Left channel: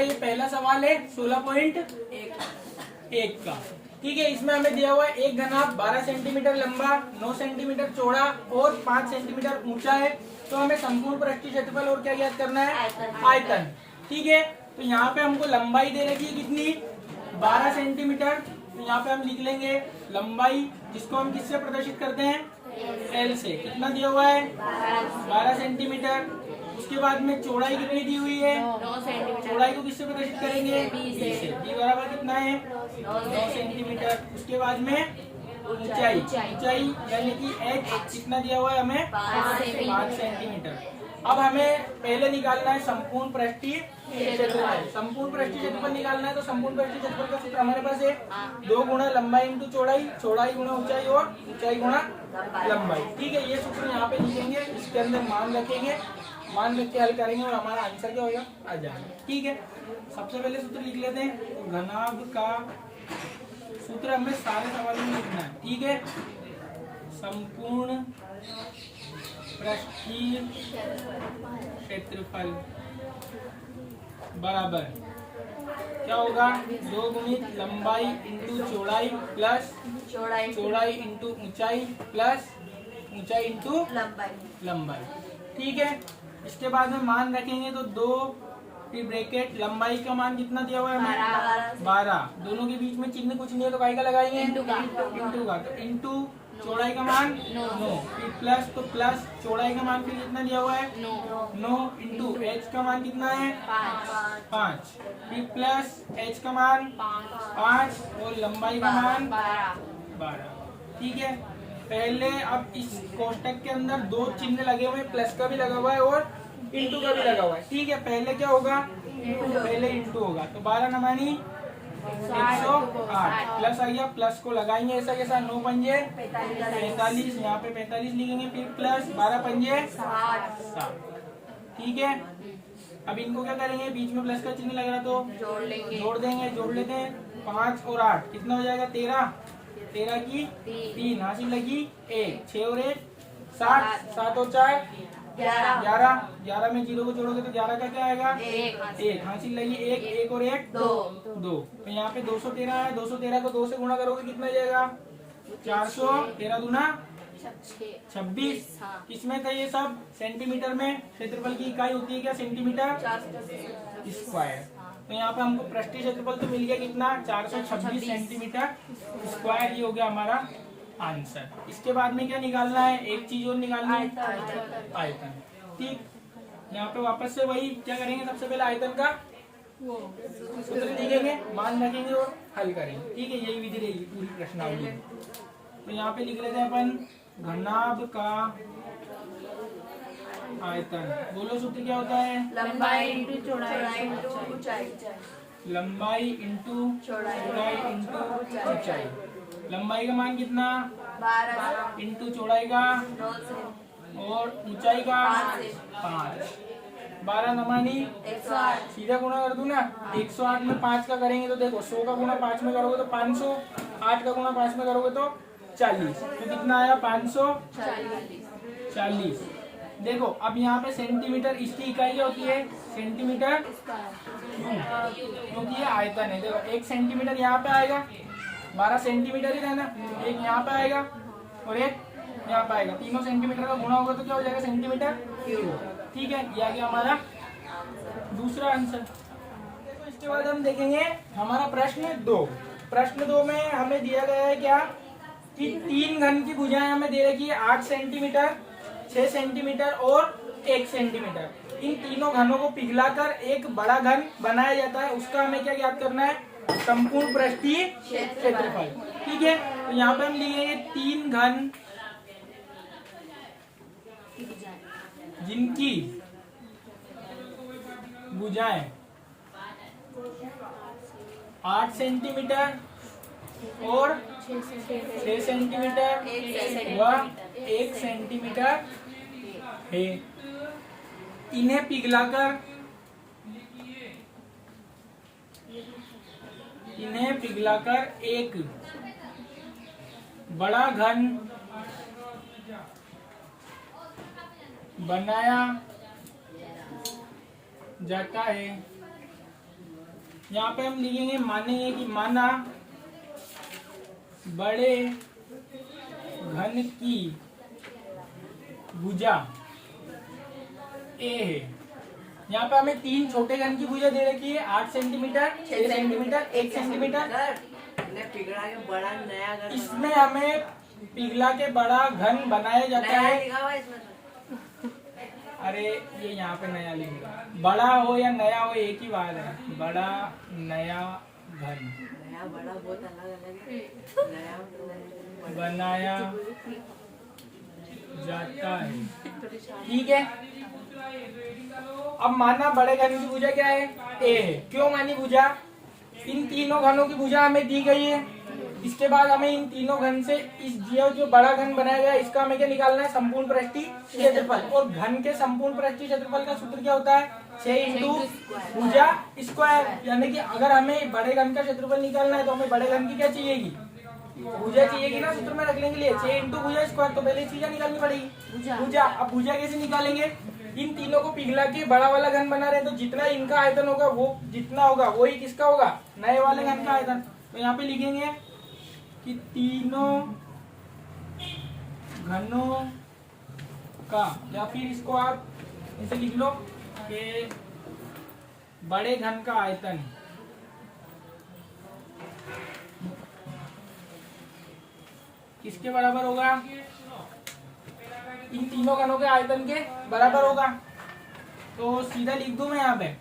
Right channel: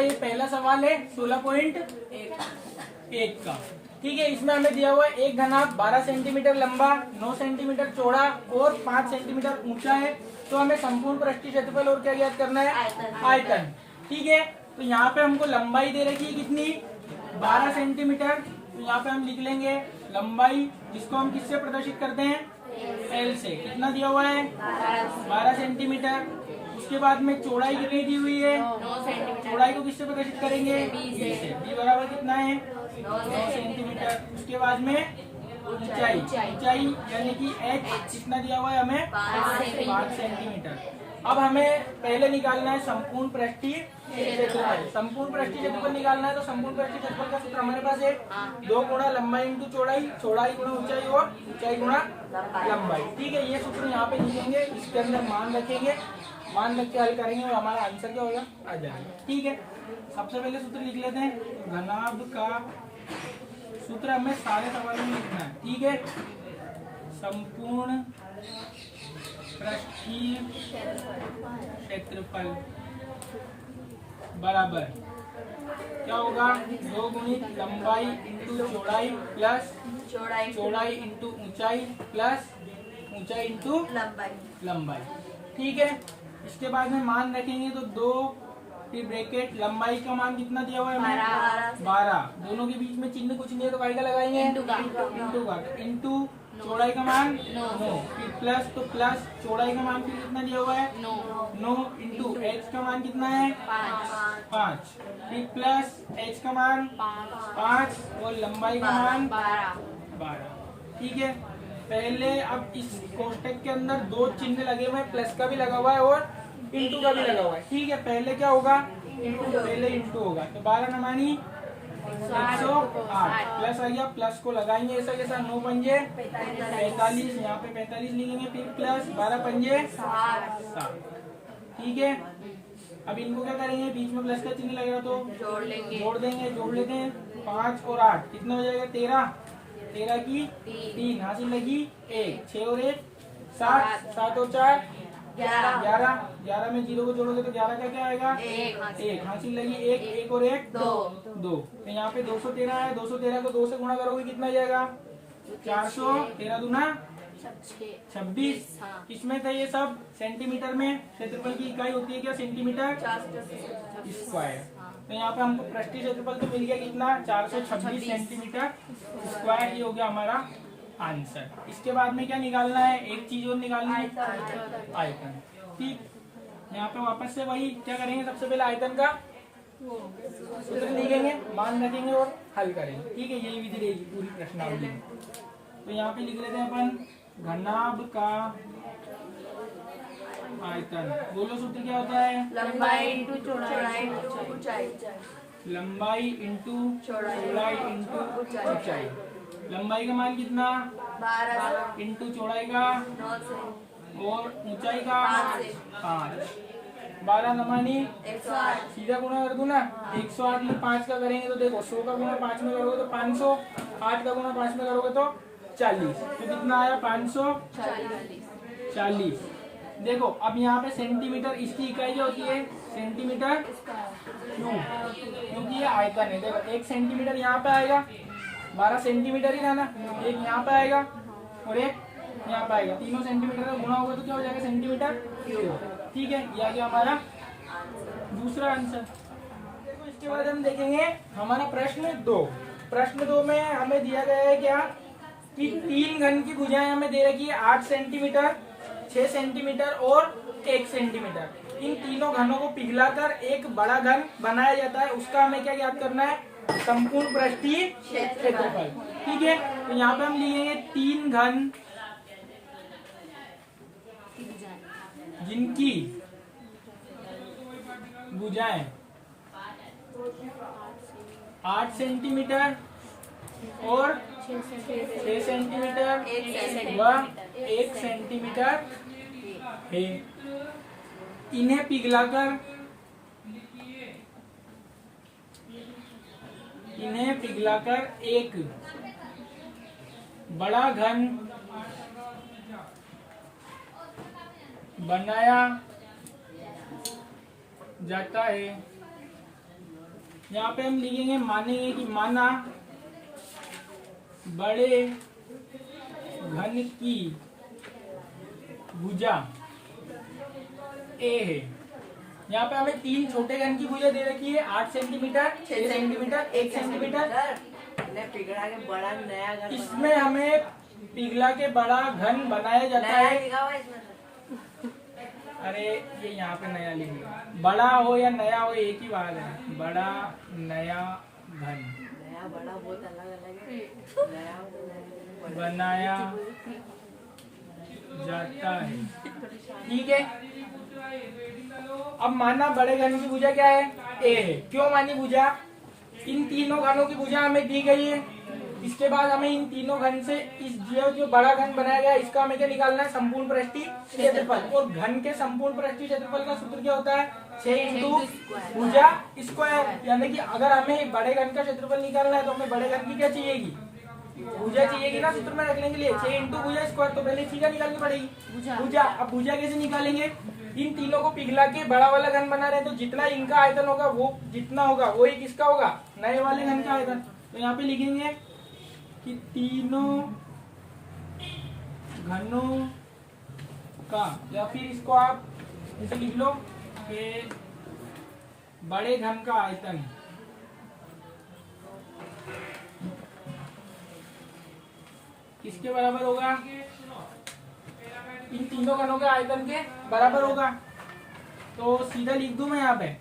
ये पहला सवाल है 16.1 का। ठीक है, इसमें हमें दिया हुआ है एक घनाभ 12 सेंटीमीटर लंबा, 9 सेंटीमीटर चौड़ा और 5 सेंटीमीटर ऊंचा है। तो हमें संपूर्ण पृष्ठीय क्षेत्रफल और क्या ज्ञात करना है? आयतन। ठीक है, तो यहाँ पे हमको लंबाई दे रखी है कितनी? 12 सेंटीमीटर। तो यहाँ पे हम लिख लेंगे लंबाई, जिसको हम किससे प्रदर्शित करते हैं? एल से। कितना दिया हुआ है? 12 सेंटीमीटर। उसके बाद में चौड़ाई कितनी दी हुई है? 9 सेंटीमीटर। चौड़ाई को किससे प्रदर्शित करेंगे? बी से। बी बराबर कितना है? 9 सेंटीमीटर। उसके बाद में ऊंचाई, ऊंचाई यानी कि एच कितना दिया हुआ है हमें? 5 सेंटीमीटर। अब हमें पहले निकालना है संपूर्ण पृष्ठीय क्षेत्रफल। संपूर्ण पृष्ठीय क्षेत्रफल निकालना है तो संपूर्ण पृष्ठीय क्षेत्रफल का सूत्र हमारे पास है 2 गुणा लंबाई इंटू चौड़ाई, चौड़ाई गुणा ऊंचाई और ऊंचाई गुणा लंबाई। ठीक है, ये सूत्र यहाँ पे लिखेंगे, इसके अंदर मान रखेंगे, मान रख के हल करेंगे और हमारा आंसर क्या होगा? आ जाएगा। ठीक है, सबसे पहले सूत्र लिख लेते हैं। घनाभ का सूत्र हमें सारे सवालों में लिखना है। ठीक है, संपूर्ण पृष्ठीय क्षेत्रफल बराबर क्या होगा? 2 गुणित लंबाई इंटू चौड़ाई प्लस चौड़ाई इंटू ऊंचाई प्लस ऊंचाई इंटू लंबाई। ठीक है, इसके बाद में मान रखेंगे तो 2 की ब्रैकेट, लंबाई का मान कितना दिया हुआ है? 12। दोनों के बीच में चिन्ह कुछ नहीं है तो काय का लगाएंगे? इंटू का। इंटू चौड़ाई का मान 9, फिर प्लस, तो प्लस चौड़ाई का मान फिर कितना दिया हुआ है? 9 इंटू एच का मान कितना है? 5, फिर प्लस एच का मान 5 और लंबाई का मान 12। ठीक है, पहले अब इस कोष्टक के अंदर 2 चिन्ह लगे हुए हैं, प्लस का भी लगा हुआ है और इंटू का भी लगा हुआ है। ठीक है, पहले क्या होगा? पहले इंटू होगा, तो 12 नमानी 108 प्लस आ गया, प्लस को लगाएंगे ऐसा कैसा? 9 पंजे 45, यहाँ पे 45 लिखेंगे, फिर प्लस 12 पंजे 7। ठीक है, अब इनको क्या करेंगे? बीच में प्लस का चिन्ह लग रहा तो जोड़ देंगे, जोड़ लेते हैं। 5 और 8 कितना हो जाएगा? 13। 13 की 3 हासिल लगी 1, 6 और 1 7, 7 और 4 11। 11 में 0 को जोड़ोगे तो 11 का क्या आएगा? 1 हासिल लगी 1, 1 और 1 2। तो यहाँ पे 213 है, 213 को 2 से गुणा करोगे कितना जाएगा? 400। 13 दूना 26। किसमें था ये सब? सेंटीमीटर में। क्षेत्रफल की इकाई होती है क्या? Centimetre square. तो यहाँ पे हमको पृष्ठीय क्षेत्रफल तो मिल गया कितना? 426 सेंटीमीटर स्क्वायर। ये हो गया हमारा आंसर। इसके बाद में क्या निकालना है? एक चीज और निकालनी है, आयतन। ठीक, यहाँ पे वापस से वही क्या करेंगे? सबसे पहले आयतन का सूत्र लिखेंगे, मान रखेंगे और हल करेंगे। ठीक है, यही विधि रहेगी पूरी प्रश्नावली में। तो यहाँ पे लिख लेते हैं अपन घनाभ का आयतन। बोलो सूत्र क्या होता है? लंबाई इंटू चौड़ाई ऊंचाई। लंबाई इंटू चौड़ाई इंटू ऊंचाई। लंबाई का मान कितना? 12 इंटू चौड़ाई का और ऊंचाई का 5। 12 नमानी 108। सीधा गुणा कर दूं ना? 108 में 5 का करेंगे तो देखो 100 का गुणा 5 में करोगे तो 500, 8 का गुणा 5 में करोगे तो 40। तो कितना आया? 540। देखो अब यहाँ पे सेंटीमीटर, इसकी इकाई क्या होती है? सेंटीमीटर क्यों? क्योंकि ये आयतन है। देखो 1 सेंटीमीटर यहाँ पे आएगा, 12 सेंटीमीटर ही था ना, एक यहाँ पे आएगा और एक यहाँ पे आएगा। तीनों सेंटीमीटर का गुणा होगा तो क्या हो जाएगा? Centimetre cube. ठीक है, ये आ गया हमारा दूसरा आंसर। देखो इसके बाद हम देखेंगे हमारा प्रश्न 2। प्रश्न 2 में हमें दिया गया है क्या कि 3 घन की भुजाएं हमें दे रखी है 8 सेंटीमीटर, 6 सेंटीमीटर और 1 सेंटीमीटर। इन तीनों घनों को पिघलाकर एक बड़ा घन बनाया जाता है, उसका हमें क्या ज्ञात करना है? संपूर्ण पृष्ठीय क्षेत्रफल। ठीक है, तो यहाँ पे हम लिखेंगे 3 घन जिनकी भुजाएं 8 सेंटीमीटर और 6 सेंटीमीटर व 1 सेंटीमीटर है, इन्हें पिघलाकर एक बड़ा घन बनाया जाता है, यहाँ पे हम लिखेंगे मानेंगे कि माना बड़े घन की भुजा ए है। यहाँ पे हमें 3 छोटे घन की भुजा दे रखी है, 8 सेंटीमीटर, 6 सेंटीमीटर, 1 सेंटीमीटर। पिघला के बड़ा नया घर इसमें हमें पिघला के बड़ा घन बनाया जाता है। लिखा हुआ है इसमें अरे ये यहाँ पे नया लिखेंगे, बड़ा हो या नया हो एक ही बात है, बड़ा नया घन नया बड़ा बहुत अलग अलग है। नया बनाया जाता है। ठीक है, अब माना बड़े घन की भुजा क्या है, ए है। क्यों मानी भुजा, इन तीनों घनों की भुजा हमें दी गई है। इसके बाद हमें इन तीनों घन से इस जो बड़ा घन बनाया गया इसका हमें क्या निकालना है, संपूर्ण पृष्ठीय क्षेत्रफल। और घन के संपूर्ण पृष्ठीय क्षेत्रफल का सूत्र क्या होता है, 6 इंटू भुजा स्क्वायर। यानी कि अगर हमें बड़े घन का क्षेत्रफल निकालना है तो हमें बड़े घन की क्या चाहिएगी, भुजा चाहिएगी ना सूत्र में रखने के लिए। 6 इंटू भुजा स्क्वायर, तो पहले चीज निकालनी पड़ेगी भुजा। अब भुजा कैसे निकालेंगे, इन तीनों को पिघला के बड़ा वाला घन बना रहे, तो जितना इनका आयतन होगा वो जितना होगा वही किसका होगा, नए वाले घन का आयतन। तो यहाँ पे लिखेंगे कि तीनों घनों का, या फिर इसको आप ऐसे लिख लो कि बड़े घन का आयतन किसके बराबर होगा, इन तीनों घनों के आयतन के बराबर होगा। तो सीधा लिख दूं मैं यहाँ पे,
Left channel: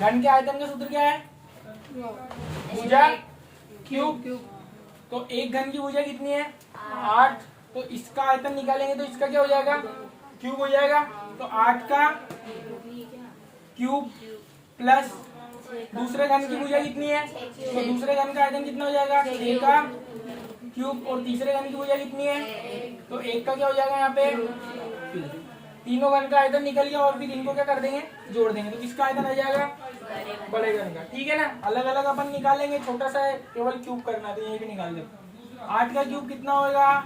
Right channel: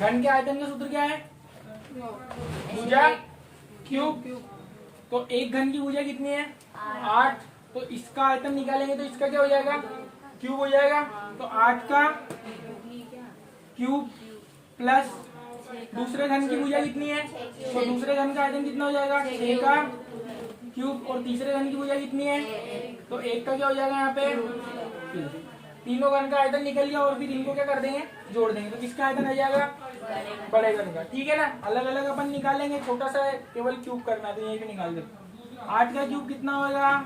घन के आयतन का सूत्र क्या है, भुजा क्यूब। तो एक घन की भुजा कितनी है, 8। तो इसका आयतन निकालेंगे तो इसका क्या हो जाएगा, क्यूब हो जाएगा। तो 8 का क्यूब प्लस दूसरे घन की भुजा कितनी है, तो दूसरे घन का आयतन कितना हो जाएगा, 6 का क्यूब। और तीसरे घन की भुजा कितनी है, तो 1 का क्या हो जाएगा यहाँ पे, तीनों घन का आयतन निकल गया। और फिर इनको क्या कर देंगे, जोड़ देंगे, तो किसका आयतन आ जाएगा, बड़े घन का। ठीक है ना, अलग अलग अपन निकालेंगे, छोटा सा है केवल क्यूब करना, तो यही पे निकाल दे। 8 का क्यूब कितना होगा,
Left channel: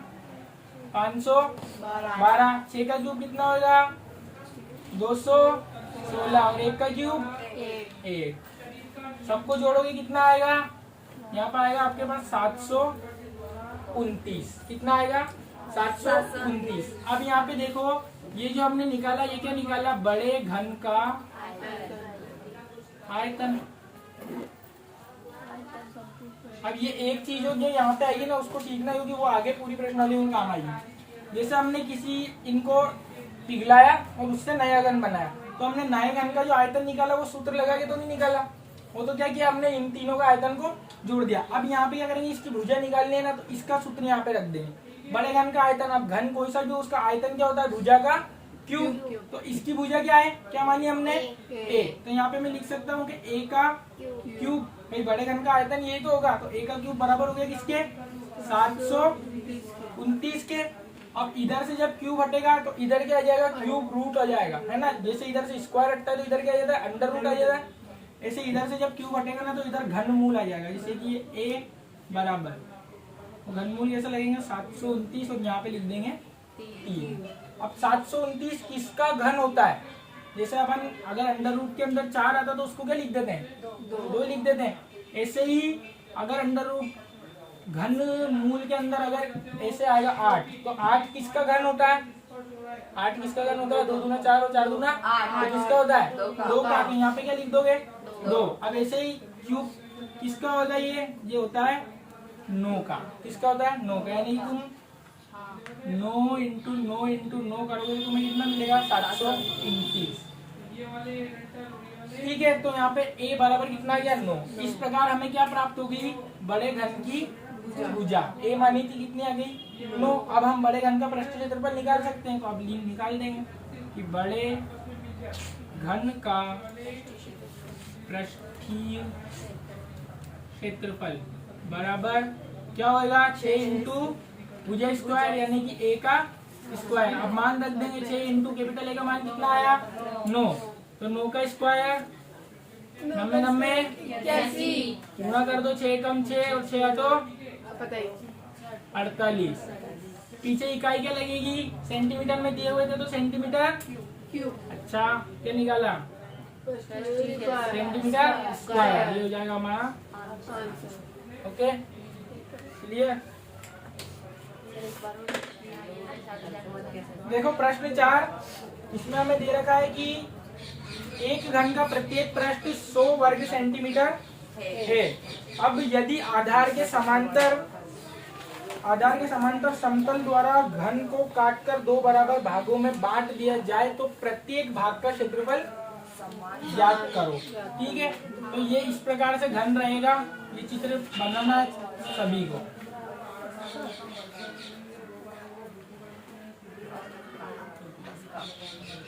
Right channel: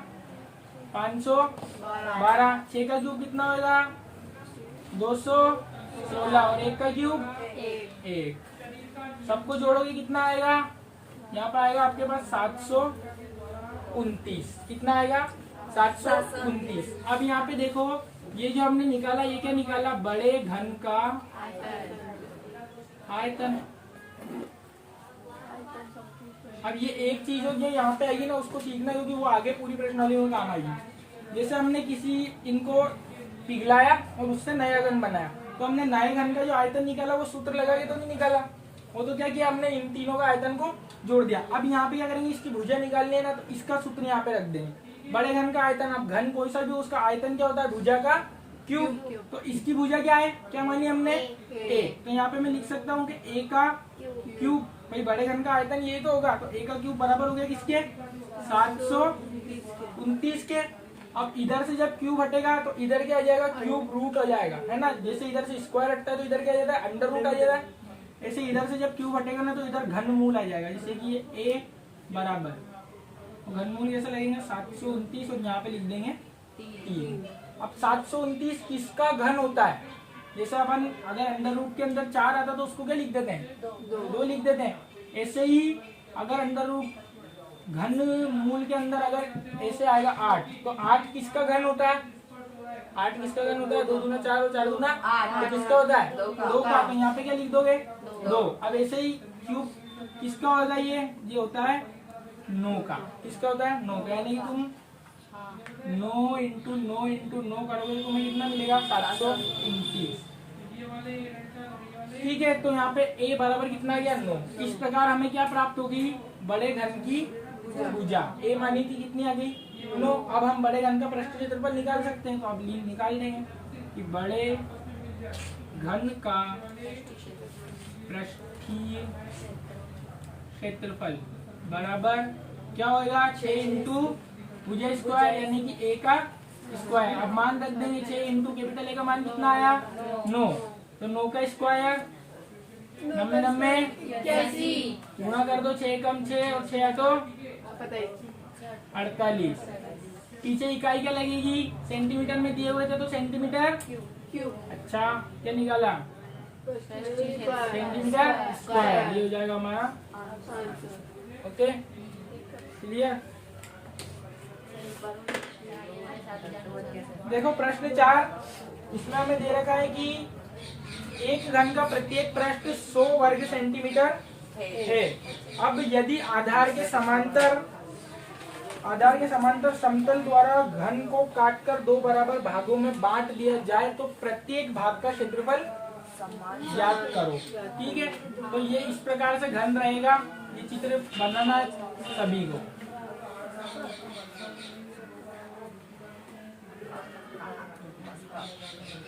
512। 6 का क्यूब कितना होगा, 216। और 1 का क्यूब 1। सबको जोड़ोगे कितना आएगा, यहाँ पे आएगा आपके पास 729। कितना आएगा, 729। अब यहाँ पे देखो, ये जो हमने निकाला ये क्या निकाला, बड़े घन का आयतन। अब ये एक चीज जो यहाँ पे आएगी ना उसको सीखना, क्योंकि वो आगे पूरी प्रश्नावली में काम आएगी। जैसे हमने किसी इनको पिघलाया और उससे नया घन बनाया, तो हमने नए घन का जो आयतन निकाला वो सूत्र लगा के तो नहीं निकाला, वो तो क्या किया हमने, इन तीनों का आयतन को जोड़ दिया। अब यहाँ पे क्या करेंगे, इसकी भुजा निकालनी है ना, तो इसका सूत्र यहाँ पे रख देंगे, बड़े घन का आयतन। अब घन कोई सा भी उसका आयतन क्या होता है, भुजा का क्यूब। तो इसकी भुजा क्या है, क्या मानी हमने, ए। तो यहाँ पे मैं लिख सकता हूँ कि ए का क्यूब, भाई बड़े घन का आयतन ये तो होगा, तो ए का क्यूब बराबर हो गया किसके, 729 के। अब इधर से जब क्यूब हटेगा तो इधर क्या आ जाएगा, क्यूब रूट आ जाएगा, है ना। जैसे इधर से स्क्वायर हटता है तो इधर क्या आ जाता है, अंडर रूट आ जाता है। ऐसे इधर से जब क्यूब हटेगा ना तो इधर घनमूल आ जाएगा, जैसे कि ये ए बराबर, तो घनमूल ऐसा लगेगा 729, और यहाँ पे लिख देंगे 3। अब 729 किसका घन होता है, जैसे अपन अगर अंडर रूट के अंदर 4 आता तो उसको क्या लिख देते हैं, 2 लिख देते हैं। ऐसे ही अगर अंडर रूट घन मूल के अंदर अगर ऐसे आएगा 8, तो 8 किसका घन होता है, 8 किसका घन होता है, 2 दूना 4 और 4 दूना 8, तो किसका होता है, 2 का। तो यहाँ पे क्या लिख दोगे, 2। अब ऐसे ही क्यूब किसका होगा, ये होता है 9 का। किसका होता है, 9 का। यानी कि तुम 9 इंटू 9 इंटू 9 करोगे तो तुम्हें कितना मिलेगा, 729। ठीक है, तो यहाँ पे a बराबर कितना आ गया, 9। इस प्रकार हमें क्या प्राप्त होगी, बड़े घन की भुजा। a मानी थी कितनी आ गई, 9। अब हम बड़े घन का पृष्ठीय क्षेत्रफल निकाल सकते हैं, तो अब निकाल देंगे कि बड़े घन का पृष्ठीय क्षेत्रफल बराबर क्या होगा, 6 इंटू भुजा स्क्वायर, यानी कि a का स्क्वायर। अब मान रख देंगे 6 इंटू कैपिटल A का मान कितना आया, 9। तो 9 का स्क्वायर 90 गुणा कर दो, 6 कम 6 और 6 तो 48। पीछे इकाई क्या लगेगी, सेंटीमीटर में दिए हुए थे तो सेंटीमीटर क्यूब। अच्छा क्या निकाला, सेंटीमीटर स्क्वायर, ये हो जाएगा हमारा। Okay clear. देखो प्रश्न 4, इसमें हमें दे रखा है कि एक घन का प्रत्येक पृष्ठ 100 वर्ग सेंटीमीटर है। अब यदि आधार के समांतर समतल द्वारा घन को काटकर 2 बराबर भागों में बांट दिया जाए तो प्रत्येक भाग का क्षेत्रफल ज्ञात करो। ठीक है, तो ये इस प्रकार से घन रहेगा। ये चित्र बनाना है सभी को।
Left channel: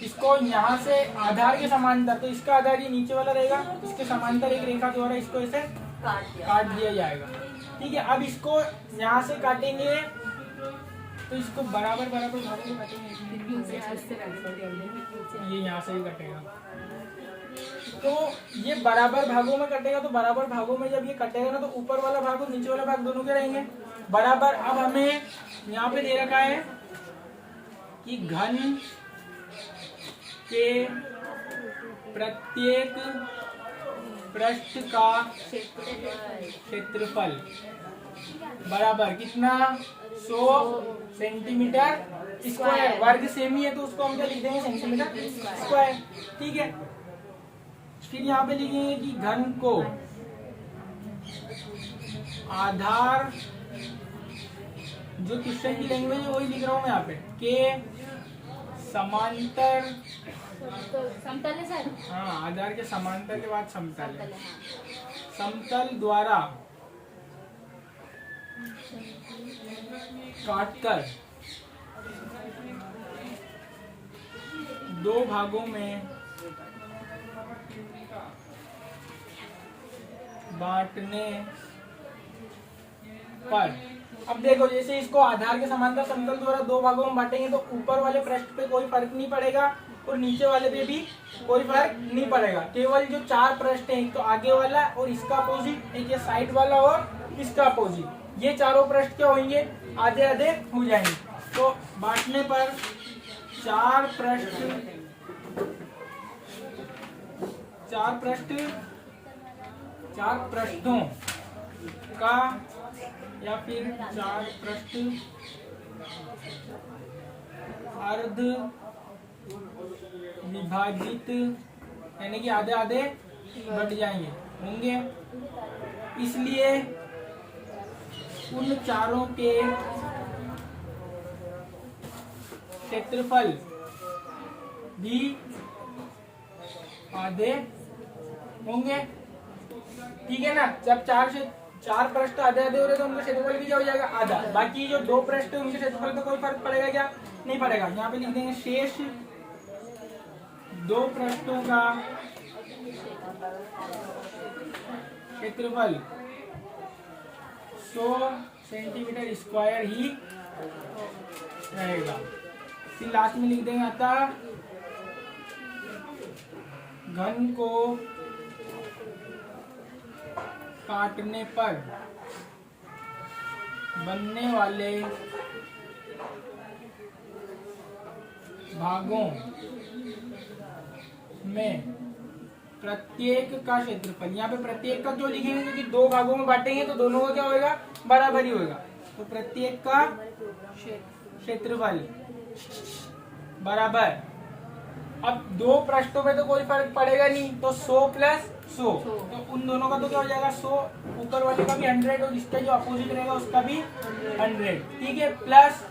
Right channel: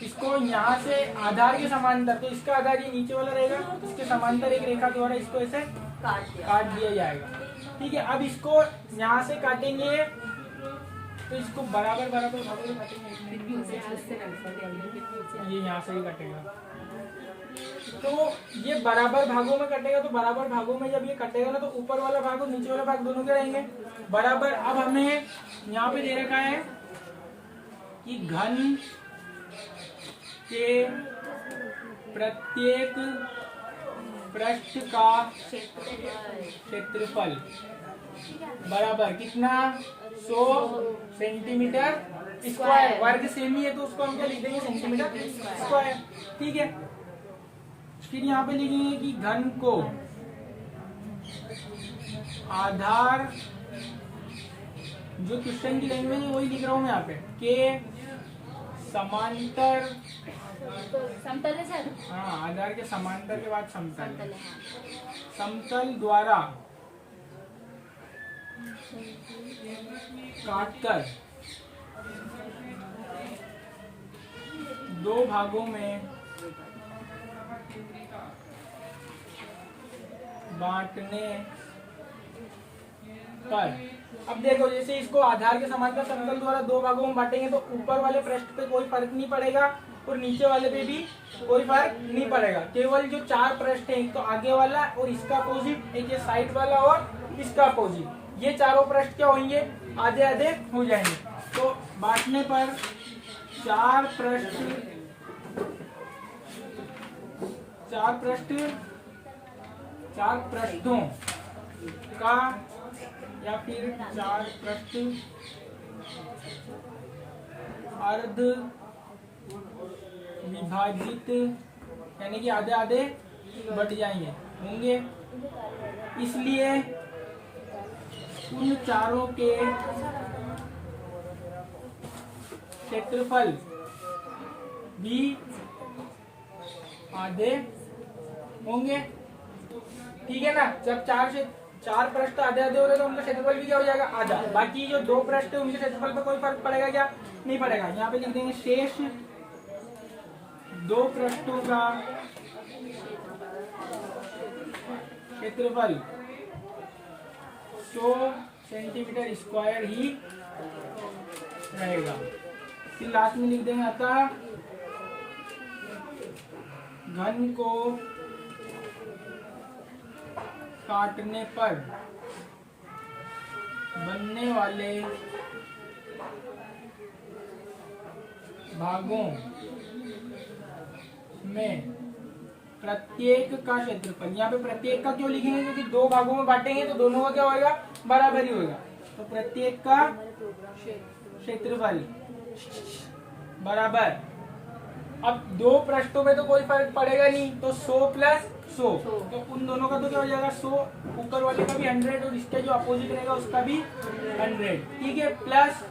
इसको यहाँ से आधार के समांतर, तो इसका आधार ये नीचे वाला रहेगा, इसके समांतर एक रेखा द्वारा इसको ऐसे काट दिया जाएगा। ठीक है, अब इसको यहाँ से काटेंगे तो इसको बराबर भागों में काटेंगे। ये यहाँ से ही कटेगा, तो ये बराबर भागों में कटेगा। तो बराबर भागों में जब ये कटेगा ना, तो ऊपर वाला भाग और नीचे वाला भाग दोनों के रहेंगे बराबर। अब हमें यहाँ पे दे रखा है कि घन के प्रत्येक पृष्ठ का क्षेत्रफल बराबर कितना, 100 सेंटीमीटर स्क्वायर। वर्ग सेम ही है तो उसको हम क्या लिख देंगे, सेंटीमीटर स्क्वायर। ठीक है, फिर यहाँ पे लिखेंगे कि घन को आधार, जो क्वेश्चन की लैंग्वेज है वही लिख रहा हूँ मैं यहाँ पे, के समांतर, समतल है सर। हाँ आधार के समांतर के बाद समतल, समतल द्वारा काटकर 2 भागों में बांटने पर। अब देखो, जैसे इसको आधार के समांतर समतल द्वारा 2 भागों में बांटेंगे तो ऊपर वाले पृष्ठ पे कोई फर्क नहीं पड़ेगा और नीचे वाले पे भी कोई फर्क नहीं पड़ेगा। केवल जो 4 पृष्ठ हैं, एक तो आगे वाला और इसका अपोजिट, एक ये साइड वाला और इसका अपोजिट, ये चारों पृष्ठ क्या होंगे, आधे आधे हो जाएंगे। तो बांटने पर 4 पृष्ठों का या फिर 4 पृष्ठ अर्ध विभाजित, यानी कि आधे आधे बट जाएंगे होंगे। इसलिए उन चारों के क्षेत्रफल भी आधे होंगे। ठीक है ना, जब 4 पृष्ठ आधे आधे हो रहे तो उनका क्षेत्रफल भी क्या हो जाएगा, आधा। बाकी जो 2 पृष्ठ उनके क्षेत्रफल पे कोई फर्क पड़ेगा क्या, नहीं पड़ेगा। यहाँ पे लिख देंगे शेष 2 पृष्ठों का क्षेत्रफल 100 सेंटीमीटर स्क्वायर ही रहेगा। फिर लास्ट में लिख देंगे अतः घन को काटने पर बनने वाले भागों में प्रत्येक का क्षेत्रफल, यहाँ पे प्रत्येक का क्यों लिखेंगे, क्योंकि 2 भागों में बांटेंगे तो दोनों का क्या होगा, बराबर ही होगा। तो प्रत्येक का क्षेत्रफल बराबर, अब 2 पृष्ठों में तो कोई फर्क पड़ेगा नहीं, तो 100 प्लस 100, तो उन दोनों का तो क्या हो जाएगा 100, ऊपर वाले का भी 100 और इसका जो अपोजिट रहेगा उसका भी 100। ठीक है, प्लस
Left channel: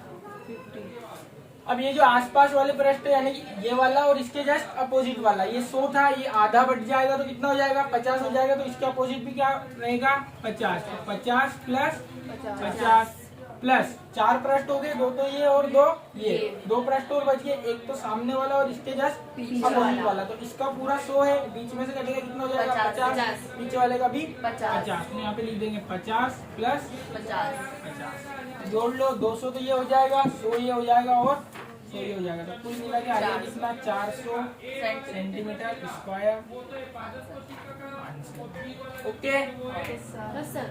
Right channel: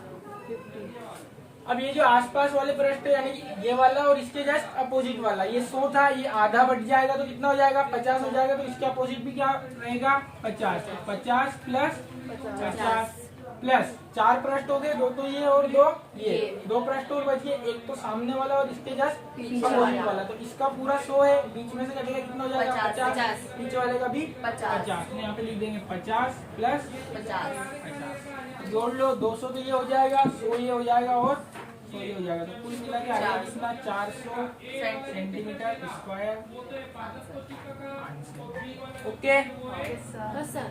अब ये जो आसपास वाले पृष्ठ यानी ये वाला और इसके जस्ट अपोजिट वाला, ये 100 था, ये आधा बढ़ जाएगा तो कितना हो जाएगा, 50 हो जाएगा। तो इसके अपोजिट भी क्या रहेगा, 50। तो 50 प्लस 50 प्लस 4 पृष्ठ हो गए, 2 तो ये और 2 ये, 2 पृष्ठ और बच गए, एक तो सामने वाला और इसके जस्ट अपोजिट वाला। तो इसका पूरा 100 है, बीच में से कटेगा कितना हो जाएगा, 50, नीचे वाले का भी 50। तो यहाँ पे लिख देंगे 50 प्लस 50, जोड़ लो 200 तो ये हो जाएगा, 100 ये हो जाएगा और 100 ये हो जाएगा। तो कुल मिला के आ जाएगा कितना, 400 सेंटीमीटर स्क्वायर। ओके बस सर।